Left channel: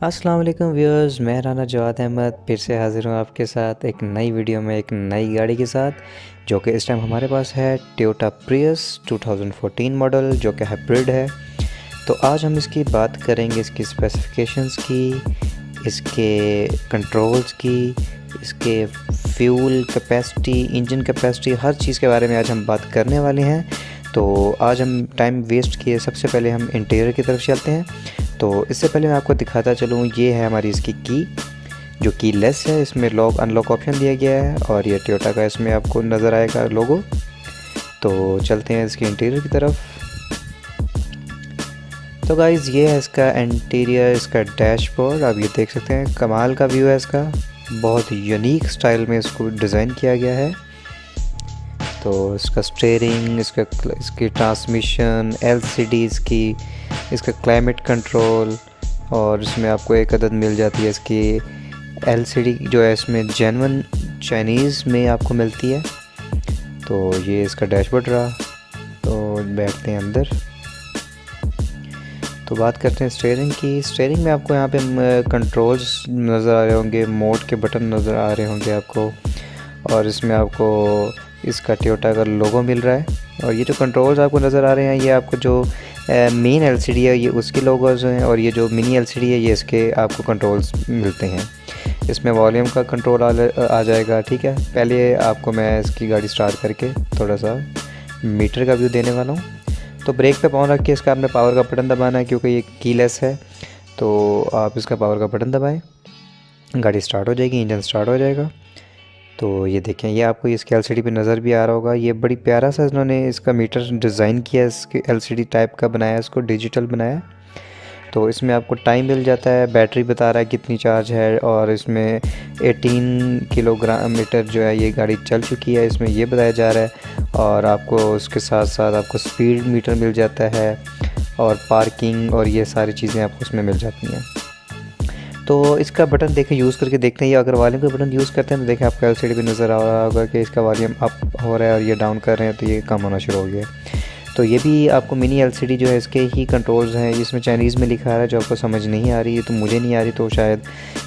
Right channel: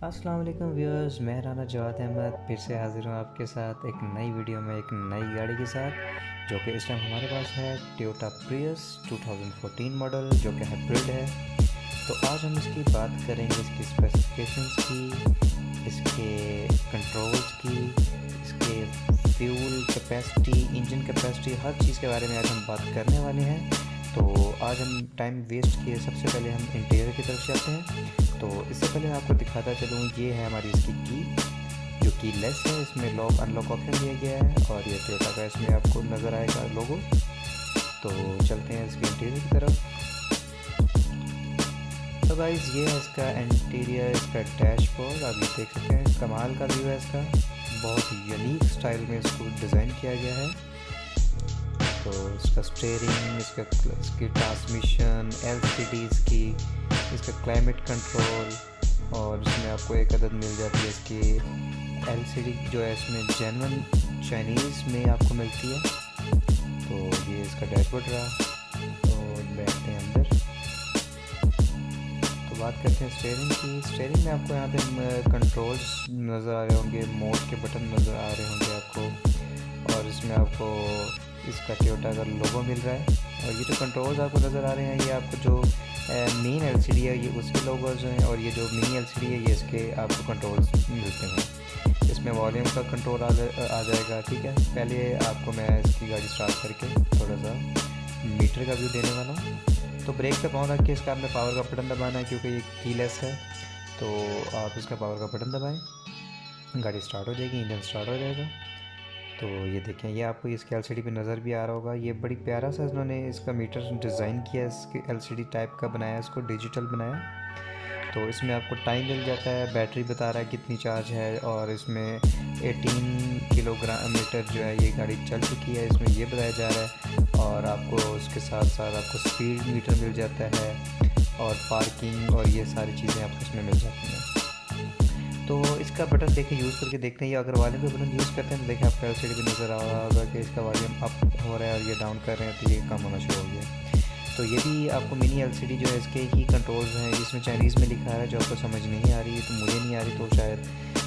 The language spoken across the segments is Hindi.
अस्सलाम वालेकुम व्यूअर्स, मैं राना जवाद अहमद फिर से हाज़िर हूँ आपके साथ एक नई वीडियो में एक नई गाड़ी के साथ, जो कि इस टाइम हमारे पास है टोयोटा प्रियस 2014 मॉडल, जो कि हाइब्रिड है। तो आज हम इसकी बात करेंगे, इसकी स्पेसिफिकेशंस की, इसके कंट्रोल्स की, इसके फ्यूल कैपेसिटी, इंजन कैपेसिटी, हर चीज़ के बारे में आज हम बात करने वाले हैं। तो आज हम टाइम वेस्ट किए, सबसे पहले हम इंटीरियर की तरफ चलते हैं। तो इससे पहले मैं आपको दिखाता चलूँ, ये है हमारी इसकी की, जो की लेस है। इसमें लॉक अनलॉक ऑप्शन दिया गया है और ये टोयोटा का इसमें आपको नज़र आएगा लोगो। तो चलते हैं इसके इंटीरियर की तरफ। तो गाइज़, ये है इसका इंटीरियर, इसका डैशबोर्ड। आप ये देख सकते हैं, कमाल का व्यू है इसका, बहुत यूनिक स्टाइल में इसको डिज़ाइन किया गया है। तो इसका स्टीयरिंग, इसकी ट्रांसमिशन, एलसीडीज़ की, इसका क्लाइमेट कंट्रोल, और इसमें आपको एक अदद मिल जाती है इसकी एलसीडी, जो है इसमें जेन्युइन चाइनीज़ में आपको मिलती है। तो ये इसका डैशबोर्ड रहा। तो बैठते हैं अंदर, तो बात करते हैं स्टीयरिंग की। स्टीयरिंग में आपको यहाँ पे कंट्रोल्स नज़र आ रहे होंगे, मोड के बटन नज़र आ रहे होंगे आपको, और इसमें आपको इसका टोयोटा का लोगो मिल रहा है। और ये जो कंट्रोल्स आपको नज़र आ रहे हैं, ये आपको जो मेन एलसीडी है ये उसके लोगोज हैं, और ये जो मिनी एलसीडी है ये इसके आपको कंट्रोल्स मिलते हैं। इसमें वॉल्यूम का कंट्रोल आ जाएगा। ठीक है, पहले आपको मैं इसकी गाड़ी स्टार्ट करके थोड़ा सा मीटर का व्यू देने वाला हूँ। तो ब्रेक पे पाँव रख के इसका आपने पावर का बटन दबाना है, क्योंकि ये कीलेस है। तो आप इसका पावर का बटन दबाएं, गाड़ी स्टार्ट हो जाएगी, इंजन स्टार्ट हो जाएगा। तो ये देखें, ये आपको इसके एलसीडी पे नज़र भी आ रहा होगा। ये बड़ी प्यारा सा इन्होंने इसका मीटर डिज़ाइन किया, इसके एलसीडी टाइप का बनाया, इसको डिजिटल बनाया। तो इसमें आपको टाइम मिल जाता है, बैटरी बता रहा है कितनी चार्ज है, और इसमें 18 किलोग्राम मीटर जो है ये गाड़ी चल चुकी है, इसमें ये बताया जा रहा है। और आपको उसके साथ साथ आपको स्पीड मीटर मिल जाता है, और पार्किंग और ये सारी चीज़ें आपको उसमें मिल जाती हैं। तो इसका बटन देखें, यूज़ करके देखते हैं। ये अगर वॉल्यूम का बटन यूज़ करते हैं तो देखें आपको एलसीडी पे नज़र आ रहा होगा कि इसका वॉल्यूम अप हो रहा है, और ये डाउन कर रहे हैं तो ये कम होना शुरू हो गया। तो ये भी आपको मिनी एलसीडी जो है इसके ही कंट्रोल्स हैं। इसमें चाइनीज़ में लिखा है, जो आपको समझ नहीं आ रही है, तो मुझे नहीं आ रही तो शायद।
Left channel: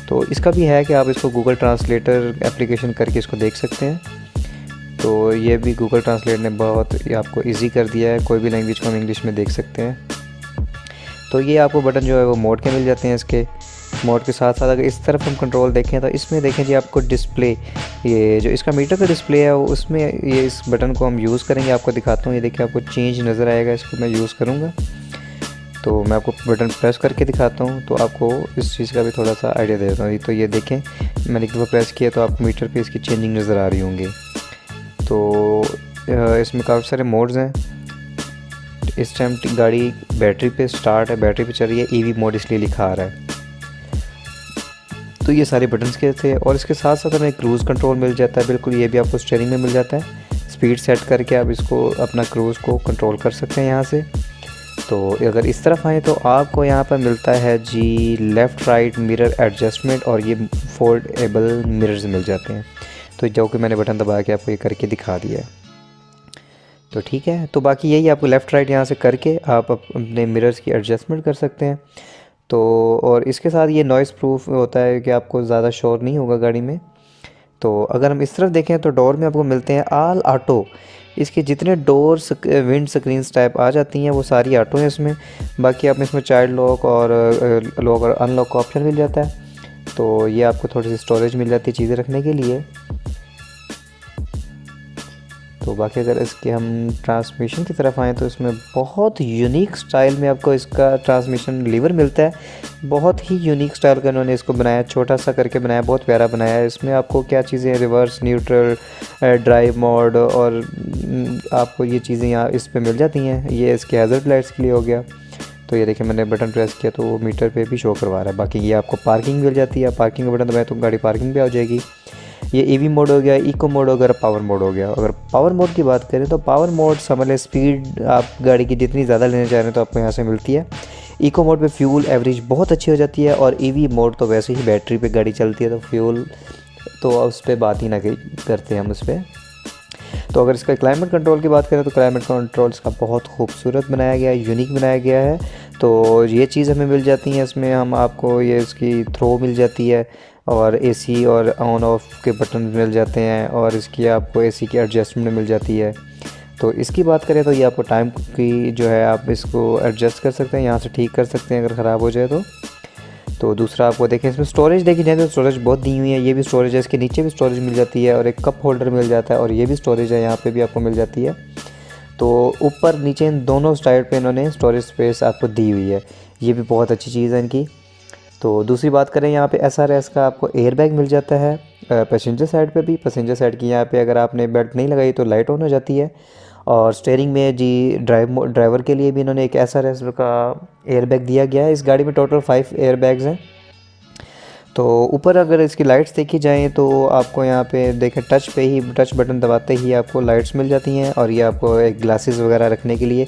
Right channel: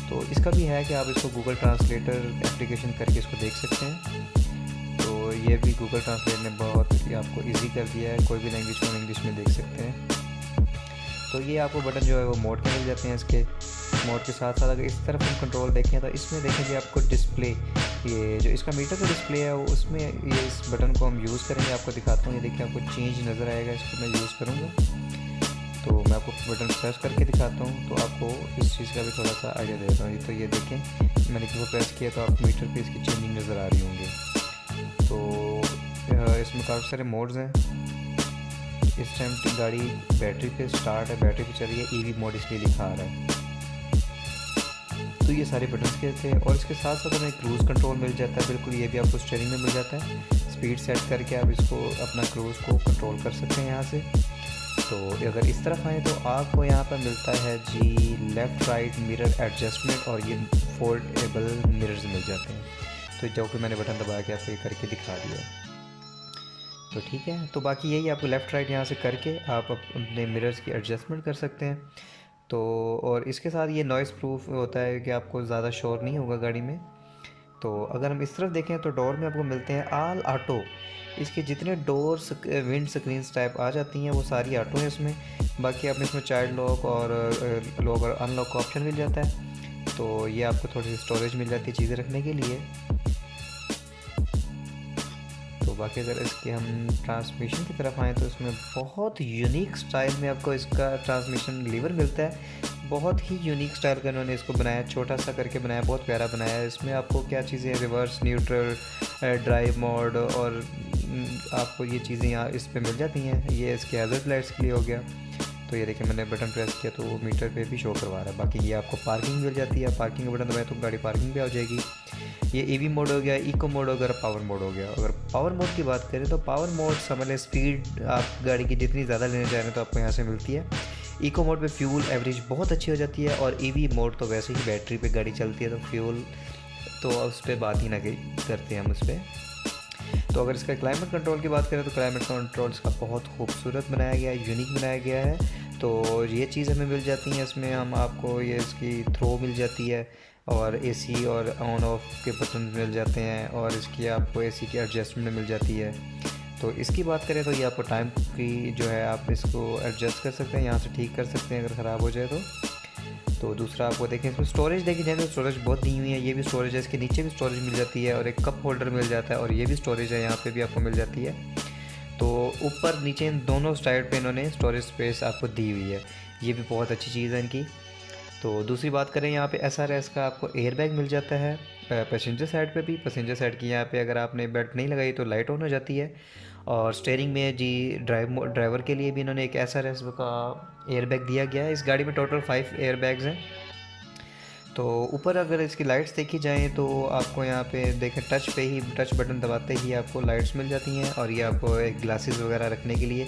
तो इसका भी है कि आप इसको गूगल ट्रांसलेटर एप्लीकेशन करके इसको देख सकते हैं। तो ये भी गूगल ट्रांसलेट ने बहुत आपको ईजी कर दिया है, कोई भी लैंग्वेज को हम इंग्लिश में देख सकते हैं। तो ये आपको बटन जो है वो मोड के मिल जाते हैं। इसके मोड के साथ साथ अगर इस तरफ हम कंट्रोल देखें तो इसमें देखें जी आपको डिस्प्ले, ये जो इसका मीटर का डिस्प्ले है वो उसमें ये इस बटन को हम यूज़ करेंगे, आपको दिखाता हूँ। ये देखिए आपको चेंज नज़र आएगा, इसको मैं यूज़ करूँगा। तो मैं आपको बटन प्रेस करके दिखाता हूँ, तो आपको इस चीज़ का भी थोड़ा सा आइडिया दे देता हूँ। तो ये देखें, मैंने एक दफ़ा प्रेस किया तो आपको मीटर पर इसकी चेंजिंग नज़र आ रही होंगी। तो इसमें काफ़ी सारे मोड्स हैं। इस टाइम गाड़ी बैटरी पे स्टार्ट है, बैटरी पे चल रही है, ईवी मोड इसलिए लिखा आ रहा है। तो ये सारे बटन्स के थे, और इसके साथ साथ हमें क्रूज़ कंट्रोल मिल जाता है। बिल्कुल, ये भी आपको स्टीयरिंग में मिल जाता है। स्पीड सेट करके आप इसको अपना क्रूज़ को कंट्रोल कर सकते हैं यहाँ से। तो अगर इस तरफ आए तो आपको यहाँ पर मिलता है जी लेफ़्ट राइट मिरर एडजस्टमेंट, और ये फोल्डेबल मिरर्स मिल जाते हैं। तो जो कि मैंने बटन दबा के आपको ये करके दिखा दिया है। तो ठीक है, तो बाकी यही आपको लेफ़्ट राइट यहाँ से करके आप अपने मिरर्स की एडजस्टमेंट कर सकते हैं। तो और इसके साथ ये नॉइज़ प्रूफ होता है कि आपको ज़्यादा शोर नहीं होगा गाड़ी में। तो अगर हम इस तरफ देखें तो डोर में आपको मिलते हैं ऑल ऑटो। इसके जितने डोर विंड स्क्रीन्स टाइप आ जाती हैं वो सारी ऑटो हैं इसमें। बाकी आप इसमें चाइल्ड लॉक और लॉक और अनलॉक का ऑप्शन मिल जाता है। तो ये आपको थोड़ी सी स्टोरेज मिल जाती है चीज़ें रखने के लिए। तो बाकी अगर इसके हम ट्रांसमिशन की तरफ आएँ तो इसमें बहुत यूनिक स्टाइल में आपको इसका ट्रांसमिशन लीवर मिलता है। बहुत ही यूनिक स्टाइल का इन्होंने इसको बनाया, छोटा सा करके बनाया, बहुत प्यारा बनाया है। इसमें आपको क्या चीज़ें, रिवर्स, न्यूट्रल, ड्राइव मोड, और आपको ये चीज़ें यहाँ इस पर मिल जाती हैं। ये इसके हैज़र्ड लाइट्स के लिए हो गया। तो ये देखिए, मैंने बटन प्रेस किया तो वो मीटर पे भी शो करवा रहा है। बाकी ये आपको पार्किंग मिल जाती है, पार्किंग का बटन दबाएं तो गाड़ी पार्किंग पे आ जाएगी। ये ईवी मोड हो गया, इको मोड हो गया, पावर मोड हो गया। अगर पावर मोड की बात करें तो पावर मोड समझ लें स्पीड आप गाड़ी की जितनी ज़्यादा लेना चाह रहे हैं तो आपको यहाँ से मिलती है। इको मोड पे फ्यूल एवरेज बहुत अच्छी हो जाती है, और ईवी मोड तो वैसे ही बैटरी पे गाड़ी चलती है तो फ्यूल तो उस पर बात ही ना करते हम उस पर। तो अगर इसका क्लाइमेट कंट्रोल की बात करें तो क्लाइमेट कंट्रोल इसका बहुत खूबसूरत बनाया गया है, यूनिक बनाया गया है। तो ये चीज़ हमें मिल जाती है इसमें। हम आपको ये इसकी थ्रो मिल जाती है और एसी और ऑन ऑफ के बटन मिल जाते हैं और इसकी आपको एसी की एडजस्टमेंट मिल जाती है। तो इसकी बात करें तो ये आपको टाइम की जो है आप इसको एडजस्ट कर सकते हैं, यहाँ से ठीक कर सकते हैं अगर ख़राब हो जाए तो दूसरा आपको देखें इसमें स्टोरेज देखी जाए तो स्टोरेज बहुत दी हुई है। ये भी स्टोरेज है, इसके नीचे भी स्टोरेज मिल जाती है और एक कप होल्डर मिल जाता है और ये भी स्टोरेज है, यहाँ पे भी आपको मिल जाती है। तो ऊपर नीचे इन दोनों साइड पे इन्होंने स्टोरेज स्पेस आपको दी हुई है, ये भी बहुत अच्छी चीज़ है इनकी। तो दूसरी बात करें यहाँ पे SRS का आपको एयर बैग मिल जाता है पैसेंजर साइड पे भी। पैसेंजर साइड की यहाँ पे अगर आपने बेल्ट नहीं लगाई तो लाइट ऑन हो जाती है। और स्टीयरिंग में जी ड्राइवर के लिए भी इन्होंने एक SRS का एयर बैग दिया गया है। इस गाड़ी में टोटल 5 एयर बैग्स हैं। तो ऊपर अगर इसकी लाइट्स देखी जाएँ तो आपको यहाँ पे देखें टच बटन दबाते ही आपको लाइट्स मिल जाती हैं और ये आपको एक ग्लासेस वगैरह रखने के लिए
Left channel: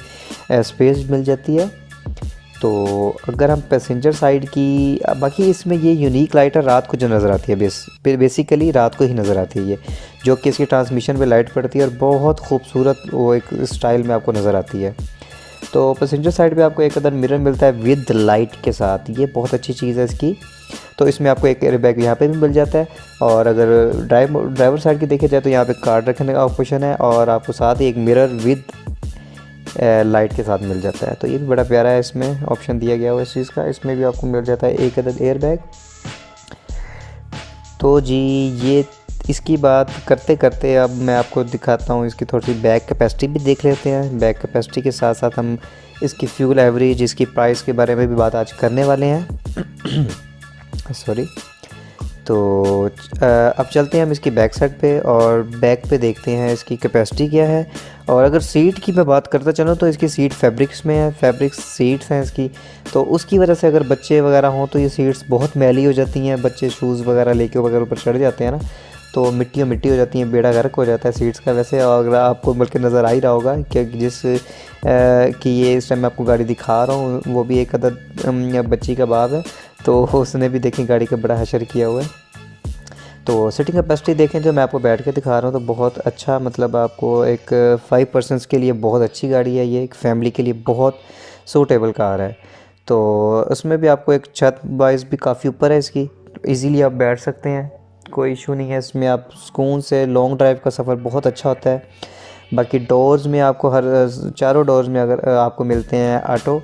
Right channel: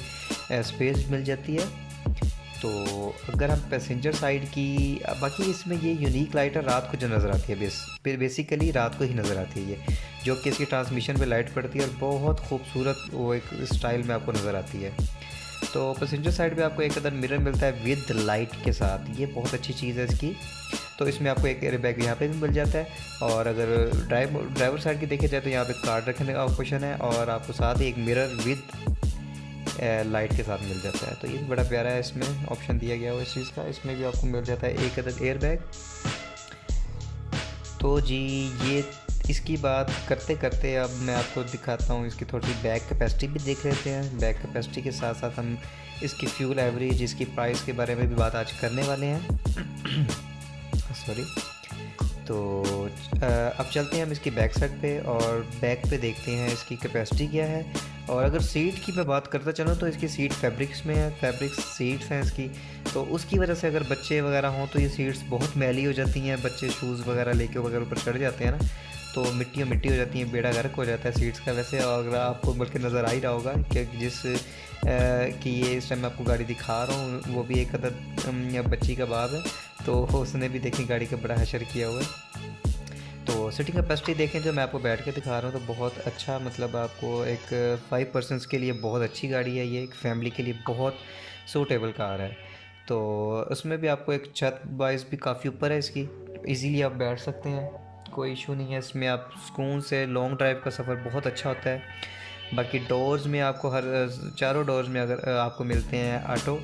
स्पेस मिल जाती है। तो अगर हम पैसेंजर साइड की बाकी इसमें ये यूनिक लाइट है रात को जो नज़र आती है, बेसिकली रात को ही नज़र आती है ये, जो कि इसकी ट्रांसमिशन पे लाइट पड़ती है और बहुत खूबसूरत वो एक स्टाइल में आपको नज़र आती है। तो पैसेंजर साइड पे आपको एक अदर मिरर मिलता है विद लाइट के साथ, ये बहुत अच्छी चीज़ है इसकी। तो इसमें आपको एक एयर बैग यहाँ पे भी मिल जाता है और अगर ड्राइवर साइड की देखा जाए तो यहाँ पे कार्ड रखने का ऑप्शन है और आपको साथ ही एक मिरर विद लाइट के साथ मिल जाता है। तो ये भी बड़ा प्यारा है, इसमें ऑप्शन दिया गया हुआ इस चीज़ का। इसमें भी आपको मिल जाता है एक अदद एयर बैग। तो जी ये इसकी बात करते करते अब मैं आपको दिखाता हूँ इसकी थोड़ी सी बैग कैपेसिटी भी देख लेते हैं। बैग कैपेसिटी के साथ साथ हम इसकी फ्यूल एवरेज, इसकी प्राइस के बारे में भी बात आज करने वाले हैं। सॉरी। तो अब चलते हैं हम इसकी बैक साइड पे और बैक पे देखते हैं इसकी कैपेसिटी क्या है। और अगर सीट की मैं बात करता चलूँ तो इसकी सीट फैब्रिक्स में है, फैब्रिक सीट्स हैं इसकी। तो उसकी वजह से अगर बच्चे वगैरह हों तो ये सीट्स बहुत मैली हो जाती हैं, बच्चे शूज़ वगैरह लेके वगैरह ऊपर चढ़ जाते हैं ना, तो मिट्टी हो जाती हैं, बेड़ा गर्क हो जाता है सीट्स का। वैसे अगर आपको बल्कि नज़र आ ही रहा होगा कि कि ये इस टाइम मैं आपको गाड़ी दिखा रहा हूँ, वो भी एक अदद बच्ची का बाप है, तो उसने भी देखें गाड़ी का बड़ा हशर किया हुआ है। तो सीटिंग कैपेसिटी देखें जो मैं आपको बैठ के दिखा रहा हूँ तो बहुत अच्छा, मतलब आपको एक 5 पर्सनस के लिए बहुत अच्छी गाड़ी है ये, एक फैमिली के लिए बहुत सूटेबल कार है। तो उसमें भी आपको एक छत वाइज भी काफ़ी ऊपर है इसकी, इजीली आप बैठ सकते हैं, कोई इशू नहीं है इसमें। आप सुकून से लॉन्ग ड्राइव का सफ़र बहुत अच्छा होता है। बाकी डोर्स में आपको चारों डोर्स में अगर आपको मिलते हैं ऑटो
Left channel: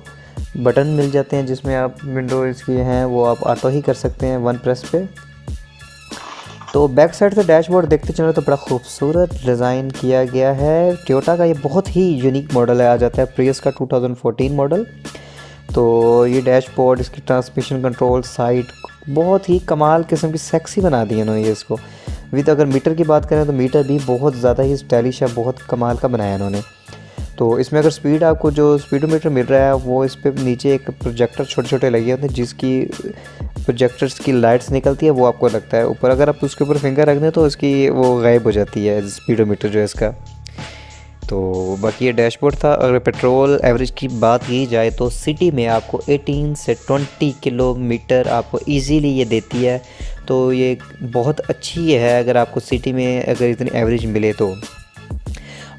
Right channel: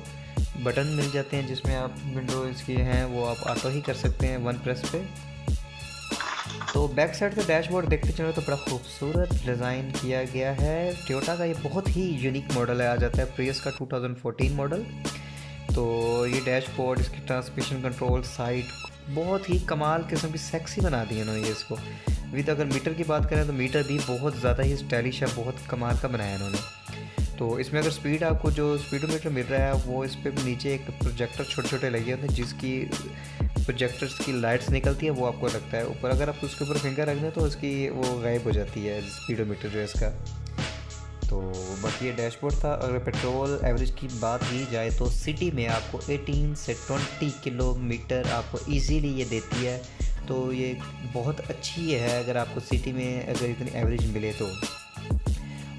बटन मिल जाते हैं, जिसमें आप विंडो इसकी हैं वो आप ऑटो ही कर सकते हैं 1 प्रेस पे। तो बैक साइड से डैशबोर्ड देखते चलो तो बड़ा खूबसूरत डिज़ाइन किया गया है। टोयोटा का ये बहुत ही यूनिक मॉडल है, आ जाता है प्रियस का 2014 मॉडल। तो ये डैशबोर्ड, इसकी ट्रांसमिशन कंट्रोल, साइड बहुत ही कमाल किस्म की सेक्सी बना दी है इन्होंने ये इसको। विद अगर मीटर की बात करें तो मीटर भी बहुत ज़्यादा ही स्टाइलिश है, बहुत कमाल का बनाया इन्होंने। तो इसमें अगर स्पीड आपको जो स्पीडोमीटर मिल रहा है वो इस पर नीचे एक प्रोजेक्टर छोटे छोटे लगे होते हैं, जिसकी प्रोजेक्टर्स की लाइट्स निकलती है, वो आपको लगता है ऊपर। अगर आप उसके ऊपर फिंगर रख दें तो उसकी वो गायब हो जाती है स्पीडोमीटर जो है इसका। तो बाकी ये डैशबोर्ड था। अगर पेट्रोल एवरेज की बात की जाए तो सिटी में आपको 18 से 20 किलोमीटर आपको इजीली ये देती है। तो ये बहुत अच्छी है अगर आपको सिटी में अगर इतनी एवरेज मिले तो।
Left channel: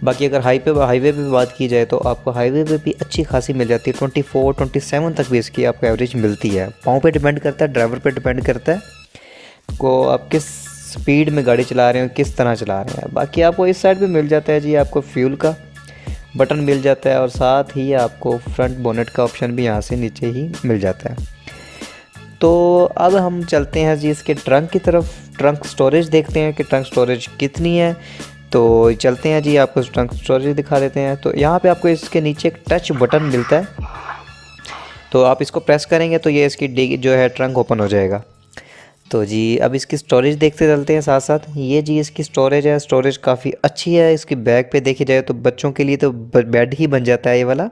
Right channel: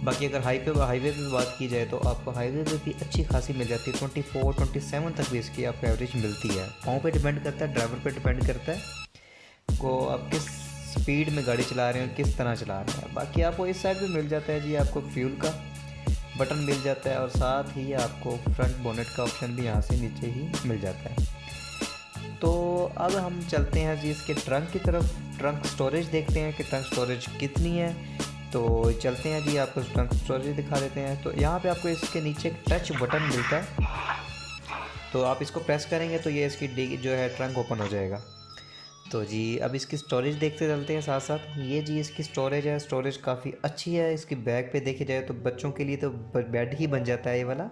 बाकी अगर हाईवे पे बात की जाए तो आपको हाईवे पे भी अच्छी खासी मिल जाती है, 24-27 तक भी इसकी आपको एवरेज मिलती है। पाँव पे डिपेंड करता है, ड्राइवर पे डिपेंड करता है को आप किस स्पीड में गाड़ी चला रहे हो, किस तरह चला रहे हैं। बाकी आपको इस साइड पे मिल जाता है जी आपको फ्यूल का बटन मिल जाता है और साथ ही आपको फ्रंट बोनेट का ऑप्शन भी यहाँ से नीचे ही मिल जाता है। तो अब हम चलते हैं जी इसके ट्रंक की तरफ। ट्रंक स्टोरेज देखते हैं कि ट्रंक स्टोरेज कितनी है। तो चलते हैं जी, आपको ट्रंक स्टोरेज दिखा देते हैं। तो यहाँ पे आपको इसके नीचे एक टच बटन मिलता है, तो आप इसको प्रेस करेंगे तो ये इसकी जो है ट्रंक ओपन हो जाएगा। तो जी अब इसकी स्टोरेज देखते चलते हैं साथ साथ। ये जी इसकी स्टोरेज है, स्टोरेज काफ़ी अच्छी है। इसकी बैग पे देखी जाए तो बच्चों के लिए तो बेड ही बन जाता है ये वाला।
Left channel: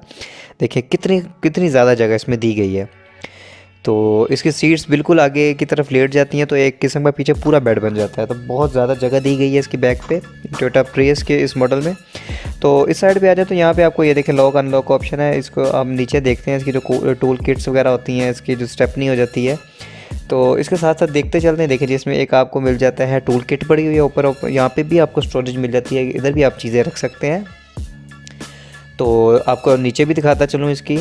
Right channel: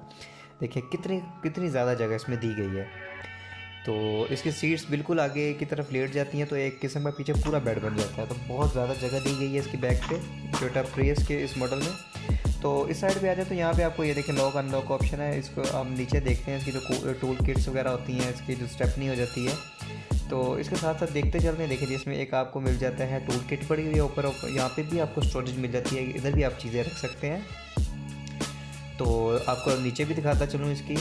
देखिए कितनी ज़्यादा जगह इसमें दी गई है। तो इसकी सीट्स बिल्कुल आगे की तरफ लेट जाती हैं, तो एक किस्म का पीछे पूरा बेड बन जाता है। तो बहुत ज़्यादा जगह दी गई है इसकी बैक पे टोयोटा प्रियस के इस मॉडल में। तो इस साइड पे आ जाए तो यहाँ पे आपको ये देखें लॉक अनलॉक ऑप्शन है। इसको आप नीचे देखते हैं इसकी जो टूल किट्स वगैरह होती हैं, इसकी जो स्टेपनी हो जाती है। तो इसके साथ साथ देखते चलते हैं। देखिए जिसमें एक आपको मिल जाता है टूल किट पड़ी हुई है ऊपर, यहाँ पे भी आपको स्टोरेज मिल जाती है, इधर भी आप चीज़ें रख सकते हैं। तो आपको नीचे भी दिखाता चलूँ इसकी।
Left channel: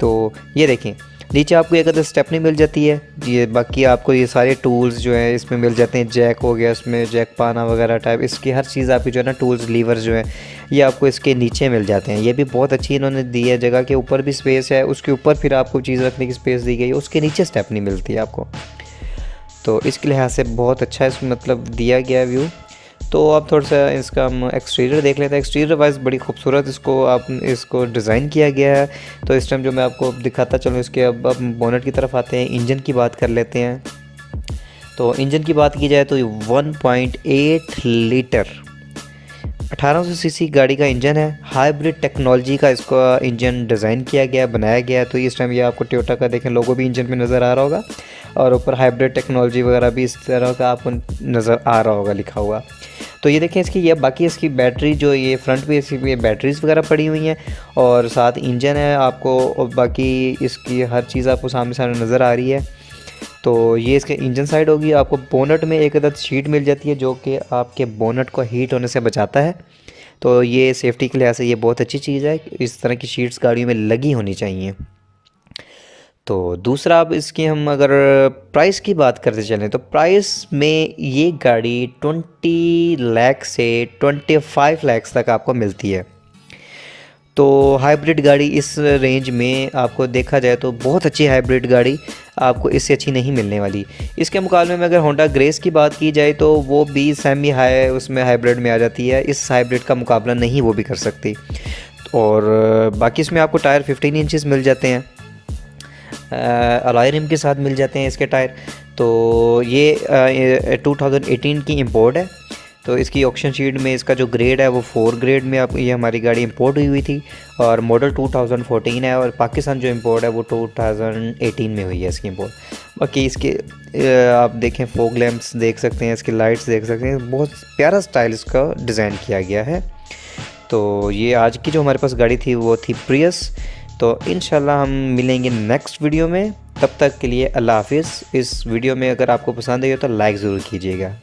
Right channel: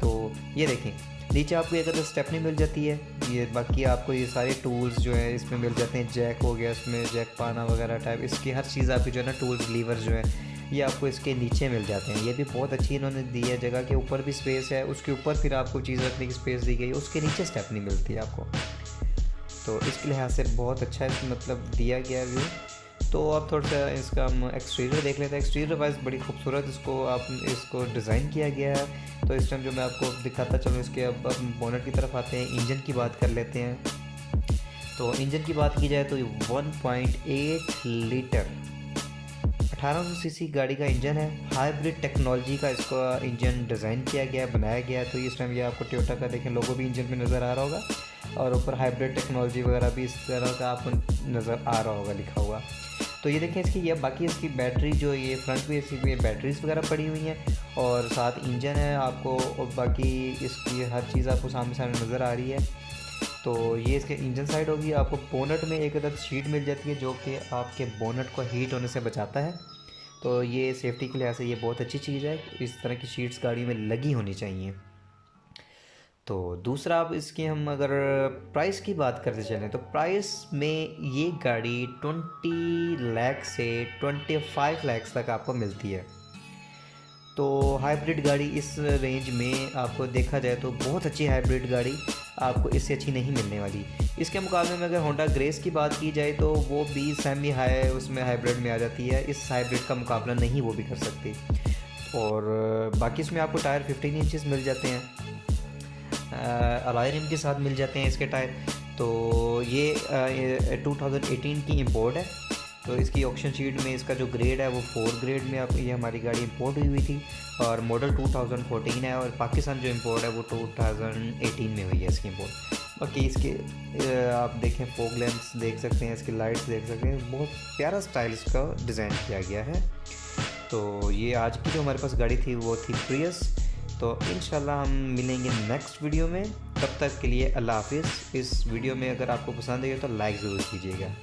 तो ये देखें नीचे आपको एक अदर स्टेपनी मिल जाती है, ये बाकी आपको ये सारे टूल्स जो हैं इसमें मिल जाते हैं। जैक हो गया, इसमें जैक पाना वगैरह टाइप, इसकी हर चीज़ आपकी जो है ना टूल्स लीवर जो है ये आपको इसके नीचे मिल जाते हैं। ये भी बहुत अच्छी इन्होंने दी है, जगह के ऊपर भी स्पेस है, उसके ऊपर फिर आपको चीज़ रखने की स्पेस दी गई है, उसके नीचे स्टेपनी मिलती है आपको। तो इसके लिहाज से बहुत अच्छा इसमें मतलब दिया गया व्यू। तो आप थोड़ा सा इसका हम एक्सटीरियर देख लेते हैं। एक्सटीरियर वाइज बड़ी खूबसूरत इसको डिज़ाइन किया गया है। तो इस टाइम जो मैं आपको दिखाता चलूँ इसके, अब बोनट की तरफ आते हैं, इंजन की बात कर लेते हैं। तो इंजन की बात की जाए तो 1.8 लीटर 1800 सीसी गाड़ी का इंजन है। हाइब्रिड टेक्नोलॉजी का इसका इंजन डिज़ाइन किया गया, बनाया गया है। तो इस टाइम ये आपको टोयोटा का देखें लोगो भी इंजन में नज़र आ रहा होगा, और ऊपर हाइब्रिड टेक्नोलॉजी वगैरह भी इस तरह का आपको नज़र आ रहा होगा लिखा हुआ। तो ये देखें इसकी, ये बाकी इसकी बैटरी जो ये फ्रंट पे इसकी बैटरीज वगैरह पड़ी हुई हैं, और साथ इंजन है आपको, और बाकी इसकी हर चीज़ आपको सामने सामने नज़र आ रही है। तो ये इसके इंजन साइड होगी। आपको बोनट में एक अदद शीट मिल जाती है जो कि आपके बोनट को हीट होने से बचाता है। तो ये सेफ्टी के लिहाज से ये बहुत अच्छी चीज़ है, इस तरह की शीट्स गाड़ियों में लगी होनी चाहिए। तो दूसरा, अब इसकी हम अगर प्राइस की बात करते चलें तो प्राइस में ये गाड़ी 20 लाख से 25 लाख तक आपको मिलती है। तो हाइब्रिड गाड़ी इस रेंज में आपको देखा जाए तो बहुत अच्छी हाइब्रिड गाड़ी आपको इससे अच्छी नहीं मिलने वाली। इसके मुकाबले में अगर होंडा ग्रेस की बात की जाए तो वो भी सेमी हाई उसमें हाइब्रिड में आ जाती है, इस हाइब्रिड का मुकाबला नहीं वो भी कर सकती। और बाकी इसमें आपको टायर 15 इंचेस मिल जाते हैं, अलॉय रिम के साथ मिल जाते हैं इसके टायर। तो ये 2018 की इंपोर्ट है। तो इसकी ऑक्शन शीट में इसका जो ग्रेड है वो 4 ग्रेड में आप ये हमारी गाड़ी इंपोर्ट हुई थी, और मॉडल 2014 है, और पाकिस्तान जो इंपोर्ट है वो 2018 में हुई है इसकी इंपोर्ट। बाकी इसके आप देखें फॉग लैंप्स देख सकते हैं, इसकी लाइट्स देख सकते हैं, बहुत प्यारा स्टाइल इसका डिज़ाइन किया गया है। तो ये आज की जो हमारे पास गाड़ी थी वो थी प्रियस। तो इंशाल्लाह हम मिलेंगे नेक्स्ट वीडियो में, तब तक के लिए अल्लाह हाफिज़। इस वीडियो में अगर आपको पसंद आई हो तो लाइक ज़रूर कीजिएगा।